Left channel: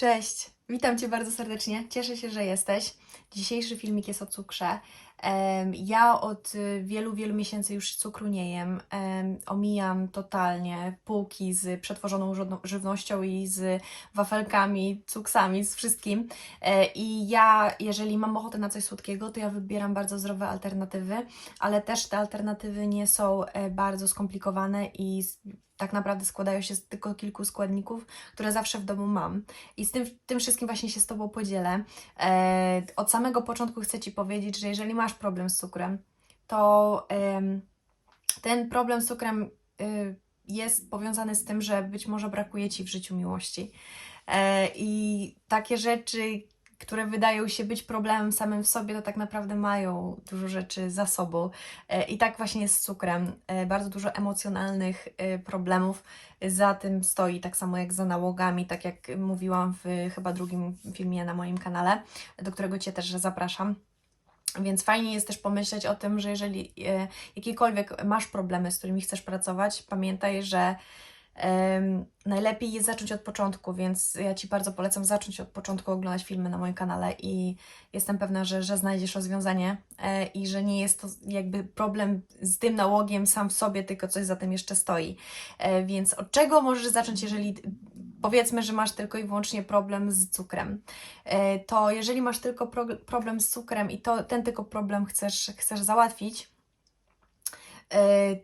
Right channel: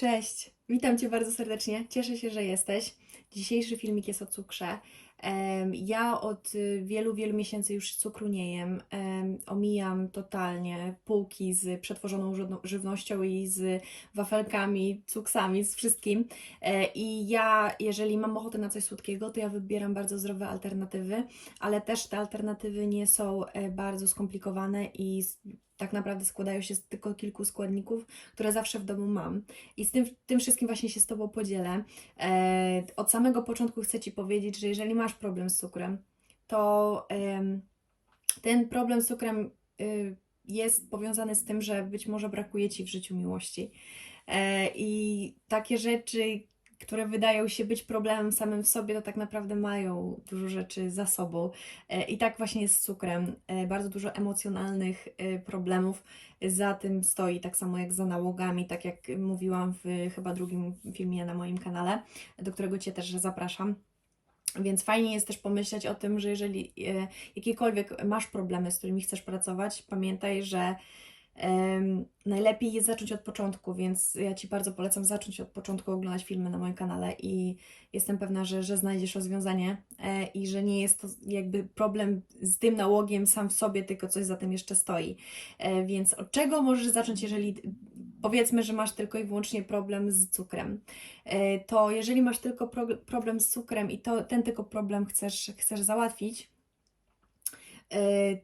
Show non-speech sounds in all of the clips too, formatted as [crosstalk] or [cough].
Cześć, witam Cię bardzo serdecznie. Cieszę się, że jesteś. Dzisiejszy filmik jest o cukrze. Ja od y, wielu, wielu miesięcy już cukru nie jem. Em, Omijam totalnie półki z przetworzoną żywno- żywnością i z wafelkami, cuksami, z wszystkim. E, I ja, jeżeli mam ochotę na coś słodkiego, to ja wybieram bardzo zdrowe alternatywy, ale też te alternatywy nie są e, bardzo skomplikowane i tak naprawdę składają się z tylko kilku składników, które zawsze w domu mam. I z tym, tym wszystkim właśnie się z Tobą podzielę. E, od samego początku chcę Ci powiedzieć, że jeżeli masz problem z cukrem, to em, ten problem z cukrem y, jest powiązany z tym, że być może brakuje Ci w życiu miłości. E, I takie rzeczy, które wydają się być problemem samym w sobie, to tak naprawdę mają dużo rzeczy za sobą. E, I tak właśnie jest z cukrem. E, Bardzo dużo emocjonalnych e, problemów za tym stoi, tak samo jak za nałogami, tak jak mówiłam w chyba drugim filmie na moim kanale, do którego Cię też zapraszam. Więc fajnie jest też pomyśleć o tym, że jeżeli jakiekolwiek masz problemy, z którymi chcesz pracować, pamiętaj, że najlepiej jest zacząć od początku, więc ja Ci bardzo polecam zacząć od początku oglądać filmy na moim kanale i jestem pewna, że, że znajdziesz rozwiązanie e, i że nie jest to jakby problem z tym nałogiem sam w sobie, tylko coś za tym jeszcze stoi. E, Więc od czego możesz zacząć, jeżeli powiedzmy, że masz tylko i wyłącznie problem z cukrem? E, To jeżeli masz tylko pro- problem z cukrem i to, ten tylko problem chcesz, chcesz załatwić,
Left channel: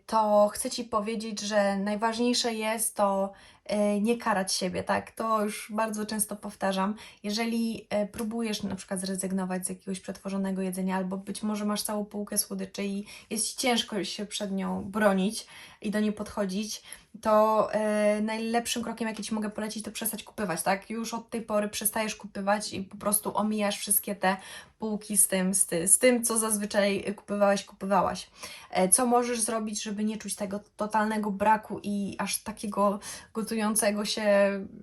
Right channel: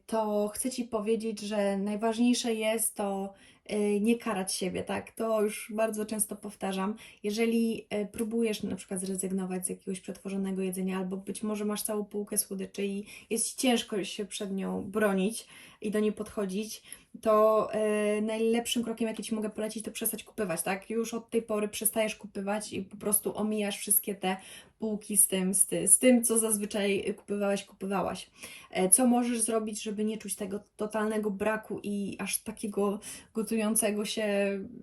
to chcę Ci powiedzieć, że najważniejsze jest to e, nie karać siebie, tak? To już bardzo często powtarzam. Jeżeli e, próbujesz na przykład zrezygnować z jakiegoś przetworzonego jedzenia, albo być może masz całą półkę słodyczy i jest ci ciężko się przed nią bronić i do niej podchodzić, to e, najlepszym krokiem, jaki Ci mogę polecić, to przestać kupywać, tak? Już od tej pory przestajesz kupywać i po prostu omijasz wszystkie te półki z tym, z, ty, z tym co zazwyczaj kupywałeś, kupowałaś. E, co możesz zrobić, żeby nie czuć tego totalnego braku i aż takiego gotującego się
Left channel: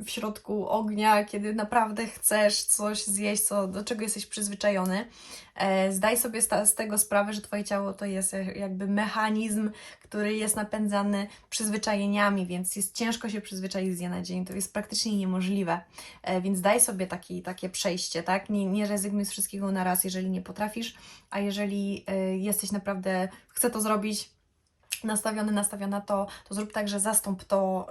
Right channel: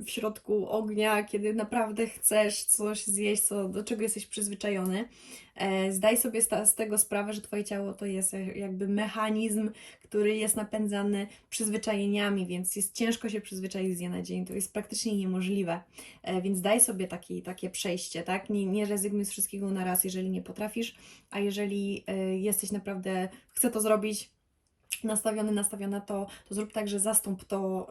w środku ognia, kiedy naprawdę chcesz coś zjeść, co, do czego jesteś przyzwyczajony. E, Zdaj sobie z tego sprawę, że Twoje ciało to jest e, jakby mechanizm, który jest napędzany przyzwyczajeniami, więc jest ciężko się przyzwyczaić z dnia na dzień. To jest praktycznie niemożliwe. E, Więc daj sobie taki, takie przejście, tak? Nie, nie rezygnuj z wszystkiego na raz, jeżeli nie potrafisz, a jeżeli jesteś naprawdę, chcę to zrobić, nastawiony, nastawiona, to, to zrób tak, że zastąp to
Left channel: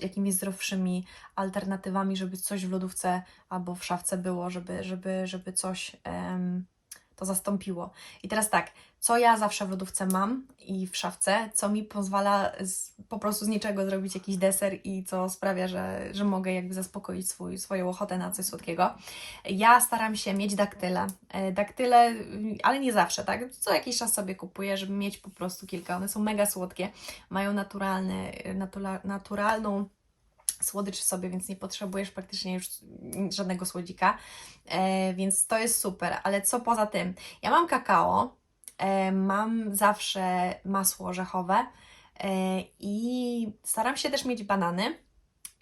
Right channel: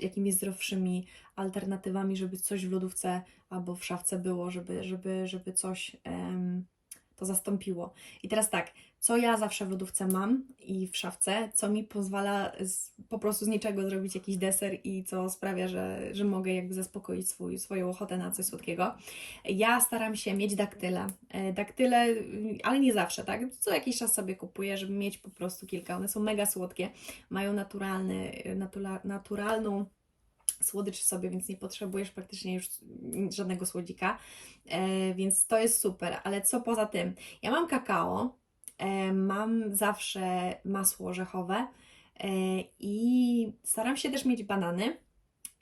jakimiś zdrowszymi alternatywami, żeby coś w lodówce albo w szafce było, żeby, żeby, żeby coś to zastąpiło. I teraz tak, co ja zawsze w lodówce mam i w szafce, co mi pozwala z, po prostu z niczego zrobić jakiś deser i co sprawia, że, że mogę jakby zaspokoić swój, swoją ochotę na coś słodkiego. Ja staram się mieć daktyle. E, Daktyle, y, ale nie zawsze, tak? Co jakiś czas sobie kupuję, żeby mieć po prostu kilka. One są mega słodkie, mają naturalny, y, natura, naturalną słodycz w sobie, więc nie potrzebujesz praktycznie już żadnego słodzika, e, więc to jest super. Ale co poza tym? Ja mam kakao, e, mam zawsze masło orzechowe e, i staram się też mieć banany.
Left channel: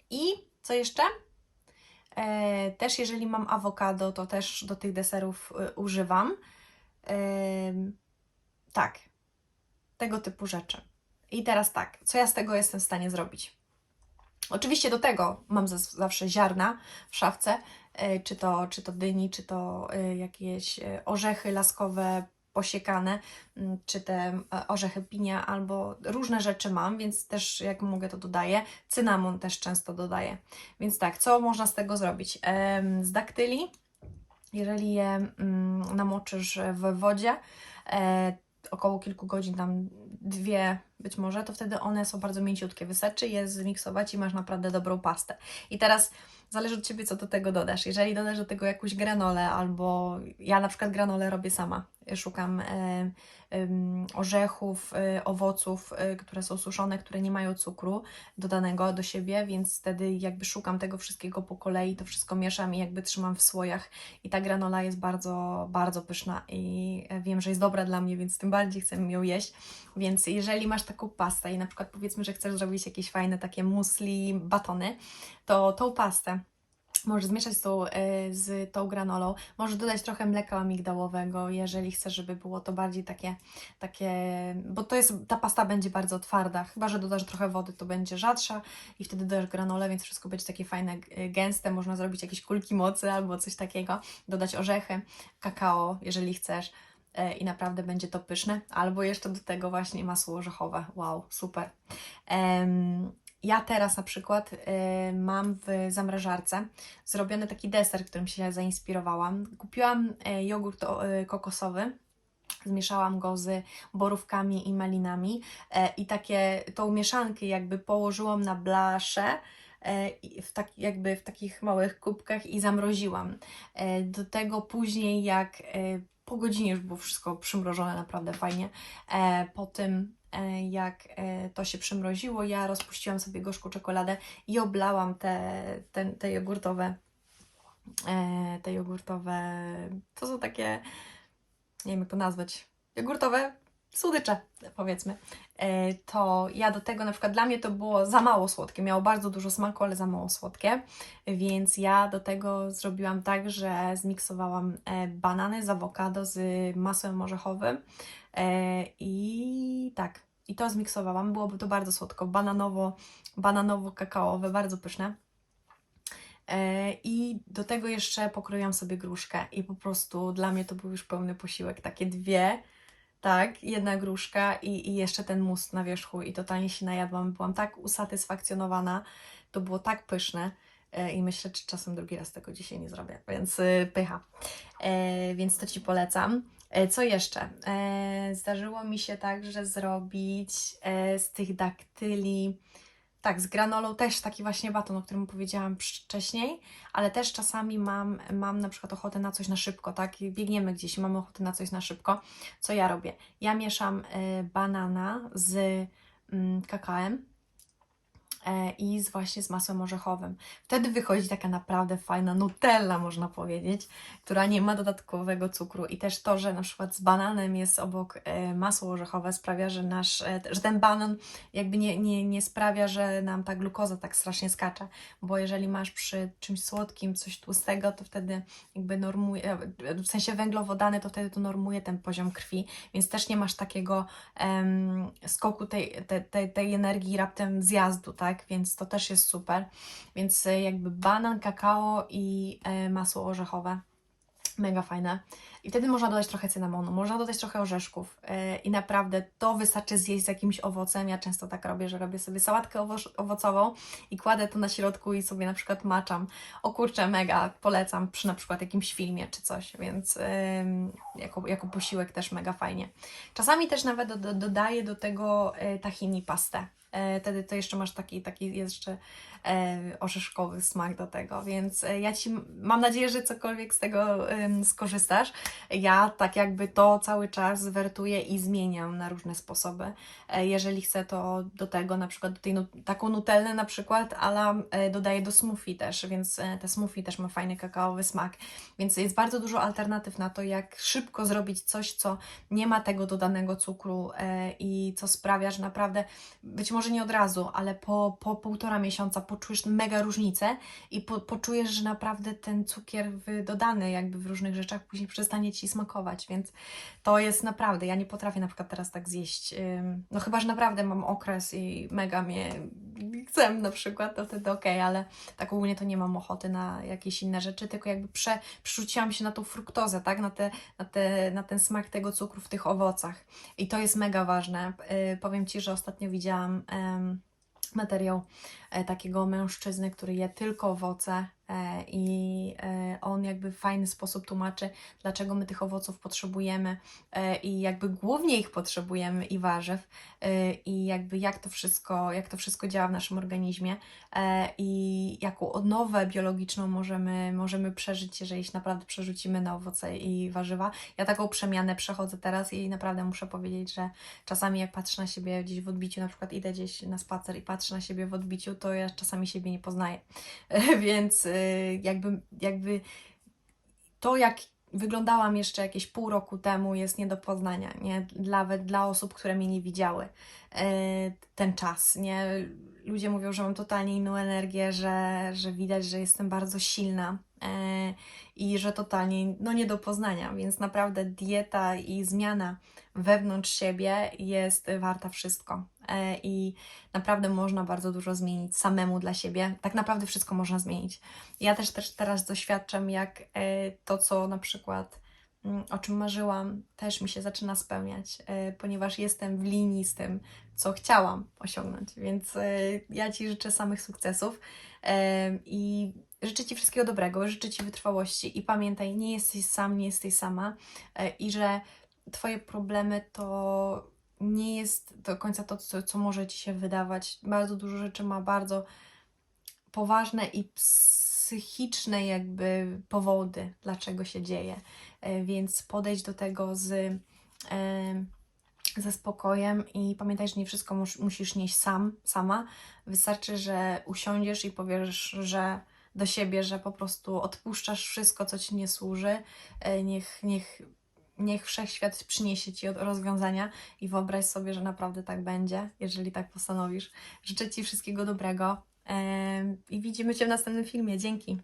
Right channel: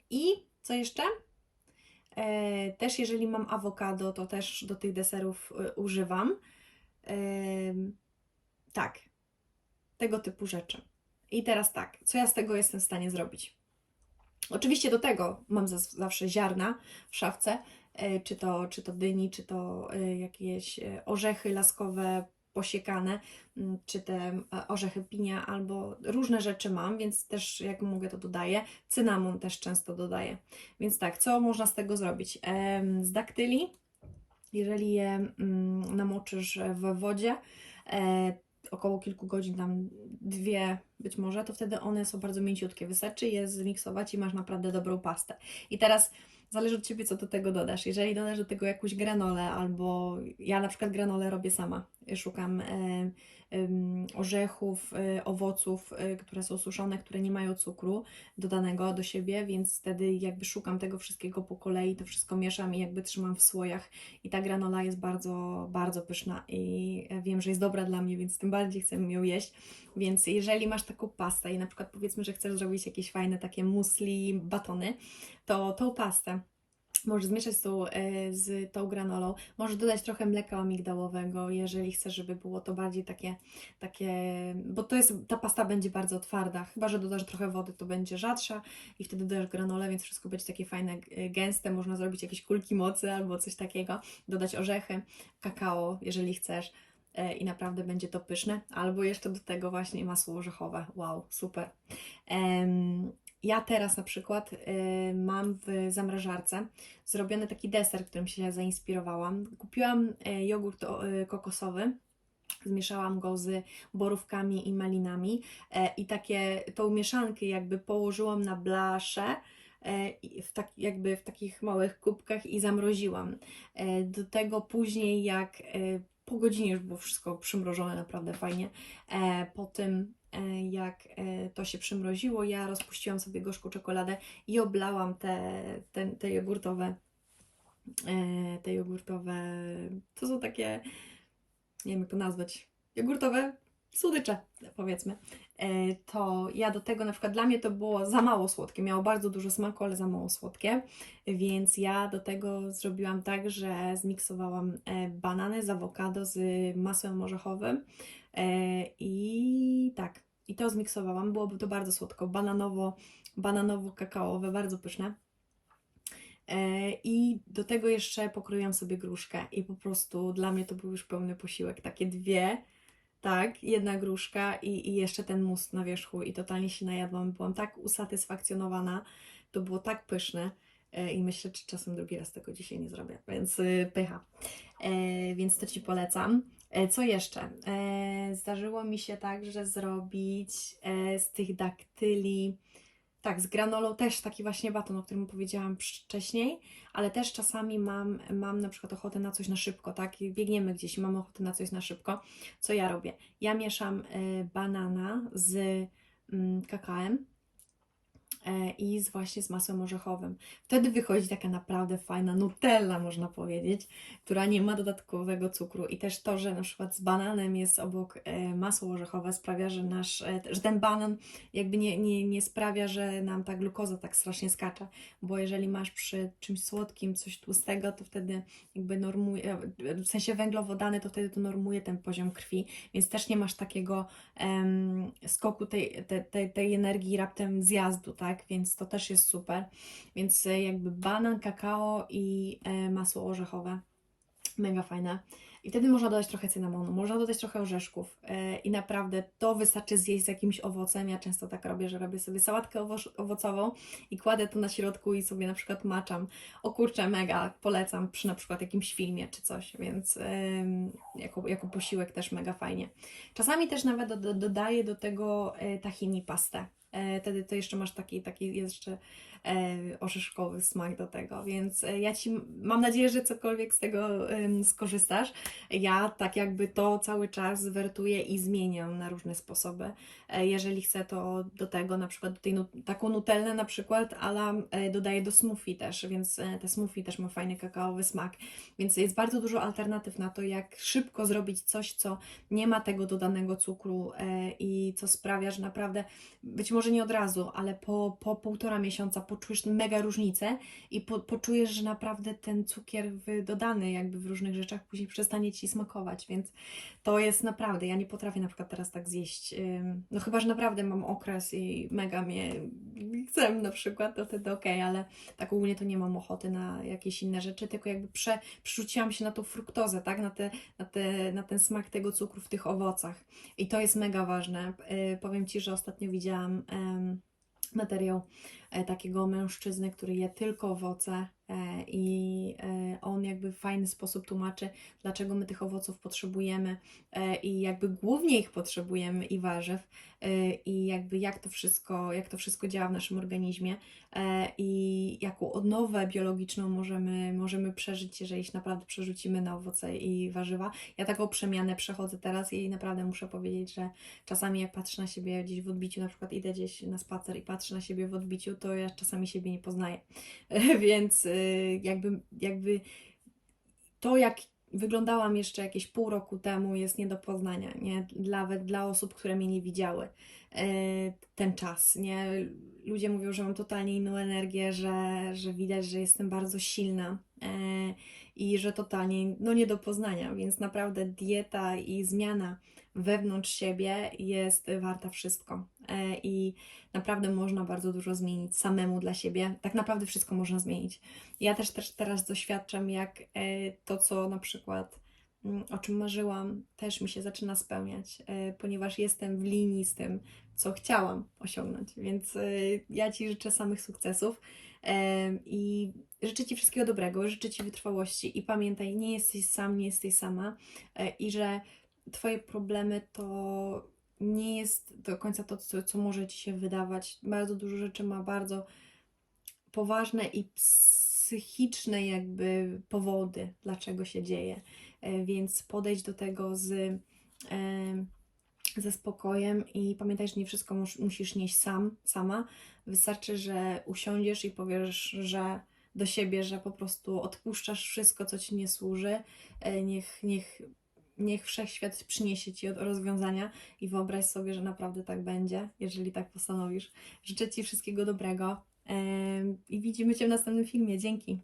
I co jeszcze? E, też jeżeli mam awokado, to też do tych deserów y, używam. Em, tak, tego typu rzeczy. I teraz tak, co ja z tego jestem w stanie zrobić? Oczywiście do tego mam zawsze ziarna w szafce, e, czy to, czy to dyni, czy to e, jakieś e, orzechy laskowe posiekane, czy te orzechy pinia, albo różne rzeczy mam, więc też jak mogę to dodaję. Cynamon też często dodaję. Więc tak, co można z tego zrobić? Z daktyli, jeżeli je namoczysz w wodzie, około kilku godzin, tam dwie być może, to wtedy one są bardzo mięciutkie. Wystarczy je zmiksować i masz naprawdę dobrą pastę. I teraz zależy od Ciebie, co do tego dodasz. Jeżeli dodasz do tego jakąś granolę, albo ja na przykład granolę robię sama. Szukam e, orzechów, e, owoców, e, które są suszone, które nie mają cukru dodanego do siebie, więc wtedy jakby szukam tego wszystkiego po kolei, to wszystko mieszam i jakby trzymam w słojach i ta granola jest bardzo, bardzo pyszna i wiem, że jest dobra dla mnie, więc tym bardziej chcę ją jeść. Więc jeżeli masz taką pastę i na przykład powiedzmy, że chcesz zrobić jakieś fajne takie musli, batony, to tą pastę Możesz zmieszać z tą, e, z tą granolą. Możesz dodać trochę mleka migdałowego, jeżeli chcesz, żeby było to bardziej takie, takie, bo to jest, ta pasta będzie bardzo twarda. Chyba, że dodasz trochę wody, to będzie rzadsza i wtedy dodasz granolę, więc wszystko będzie takie fajne, e, gęste. Można zrobić jakieś kulki mocy albo coś takiego. Dodać orzechy, kakao, jeżeli chcesz e, i naprawdę będzie to pyszne. Albo jeszcze do tego właśnie masło orzechowe. Wow, super. Ja teraz na przykład y, mam w zamrażarce zrobiony taki deser, którym się zainspirowałam. Kupiłam y, jogurt y, kokosowy, zmieszałam go z borówkami i malinami e, i takie tą mieszankę jakby położyłam na blaszę e, w tak, jakby w takich małych kubkach i zamroziłam. E, Do tego później jak po godzinie już było wszystko przymrożone naprawdę fajnie. Po tym jak e, to się przymroziło, ja rozpuściłam sobie gorzką czekoladę i oblałam te, te, te jogurtowe e, te jogurtowe to są takie nie wiem jak to nazwać jogurtowe słodycze powiedzmy. E, to ja do tego na przykład dla mnie to było za mało słodkie, miało bardzo dużo smaku, ale za mało słodkie, więc ja do tego zrobiłam tak, że zmiksowałam e, banany z awokado z masłem orzechowym e, i tak, i to zmiksowałam, byłoby to bardzo słodko, bananowo, bananowo-kakaowe, bardzo pyszne. E, I do tego jeszcze pokroiłam sobie gruszkę. I po prostu dla mnie to był już pełny posiłek, takie dwie, tak, jedna gruszka i, i jeszcze ten must na wierzchu. I totalnie się najadłam, byłam tak usatysfakcjonowana, to było tak pyszne. E, i myślę, czy czasem drugi raz tego dzisiaj nie zrobię, więc y, pycha. E, Więc to Ci polecam. E, Co jeszcze? E, Zdarzyło mi się także zrobić e, z tych daktyli, tak, z granolą też taki właśnie baton, o którym powiedziałam wcześniej, ale też czasami mam, mam na przykład ochotę na coś na szybko, tak? I Biegniemy gdzieś i mamy ochotę na coś na szybko. Co ja robię? Ja mieszam banana z mm, kakałem e, i z właśnie z masłem orzechowym. Wtedy wychodzi taka naprawdę fajna nutella, można powiedzieć, która nie ma dodatkowego cukru. I też to, że na przykład z bananem jest obok e, masło orzechowe sprawia, że nasz, e, że ten banan jakby nie, nie, nie sprawia, że nam ta glukoza tak strasznie skacze, bo jeżeli masz przy czymś słodkim coś tłustego, to wtedy jakby normuje, e, w sensie węglowodany, to wtedy to normuje ten poziom krwi, więc też nie masz takiego skoku tej, tej, tej, tej energii raptem zjazdu, tak, więc to też jest super, więc e, jakby banan, kakao i e, masło orzechowe, mega fajne. I wtedy można dodać trochę cynamonu, można dodać trochę orzeszków yy, i naprawdę to wystarczy zjeść z jakimś owocem. Ja często tak robię, że robię sobie sałatkę owo- owocową i kładę to na środku i sobie na przykład maczam. O kurczę, mega polecam przy na przykład jakimś filmie czy coś, więc jako, jako posiłek też mega fajnie. Czasami też nawet do, do, dodaję do tego tahini pastę. Yy, wtedy to jeszcze masz taki, taki jeszcze e, orzeszkowy smak do tego, więc e, ja Ci mam nadzieję, że cokolwiek z tego skorzystasz. Ja tak jakby to cały czas wertuję i zmieniam na różne sposoby. E, jeżeli chcę, to do tego na przykład do tej taką nutellę na przykład, ale e, dodaję do smoothie też, więc e, te smoothie też ma fajny kakaowy smak, więc jest bardzo dużo alternatyw na to, jak szybko zrobić coś, co nie ma tego dodanego cukru e, i co sprawia, że naprawdę być może nie od razu, ale po, po półtora miesiąca poczujesz mega różnicę i po, poczujesz, że naprawdę ten cukier dodany jakby w różnych rzeczach później przestanie Ci smakować, więc to jest naprawdę, ja nie potrafię na przykład teraz tak zjeść, no chyba, że naprawdę mam okres i mega mnie chcę na przykład, to wtedy okej, ale tak ogólnie to nie mam ochoty na jakieś inne rzeczy, tylko jakby prze, przerzuciłam się na tą fruktozę, tak, na, te, na, te, na ten smak tego cukru w tych owocach i to jest mega ważne. Yy, powiem Ci, że ostatnio widziałam materiał takiego mężczyzny, który je tylko owoce e, i e, on jakby w fajny sposób tłumaczy, dlaczego my tych owoców potrzebujemy e, i jakby głównie ich potrzebujemy i warzyw e, i jakby jak to wszystko, jak to wszystko działa w naszym organizmie e, i jaką odnowę biologiczną możemy, możemy przeżyć, jeżeli się naprawdę przerzucimy na owoce i warzywa. Ja taką przemianę przechodzę teraz i naprawdę muszę powiedzieć, że czasami jak patrzę na siebie gdzieś w odbiciu, na przykład idę gdzieś na spacer i patrzę na siebie w odbiciu, to ja czasami siebie nie poznaję. [laughs] Więc y, jakby, jakby to, jak wyglądałam jeszcze jakieś pół roku temu, jest nie do poznania, nie? Nawet dla osób, które mnie nie widziały e, ten czas, nie? Ludzie mówią, że mam totalnie inną energię, że, że widać, że jestem bardzo silna e, i że totalnie no nie do poznania, więc naprawdę dieta i zmiana wewnątrz siebie jest warta wszystko i naprawdę można bardzo dużo zmienić samemu dla siebie, tak naprawdę wszystko można zmienić. Ja też, też teraz doświadczam, jak e, to, co na przykład mm, o czym marzyłam, też mi się zaczyna spełniać, e, ponieważ jestem w linii z tym, co chciałam osiągnąć. Więc e, ja Ci życzę samych sukcesów e, i życzę Ci wszystkiego dobrego, życzę Ci wytrwałości i pamiętaj, nie jesteś sam, nie jesteś sama e, i że Twoje problemy to nie jest do końca to, co, co może Ci się wydawać. Bardzo dużo rzeczy ma bardzo poważne i psychiczne jakby powody, dlaczego się dzieje. E, Więc podejdź do tego z, e, ze spokojem i pamiętaj, że nie wszystko mus, musisz nieść sam, sama. Wystarczy, że usiądziesz i powiesz, że do siebie, że po prostu odpuszczasz wszystko, co Ci nie służy. E, Niech, niech, niech wszechświat przyniesie Ci rozwiązania i wyobraź sobie, że naprawdę tak będzie, jeżeli tak postanowisz. Życzę Ci wszystkiego dobrego i widzimy Cię w następnym filmie. Dzięki.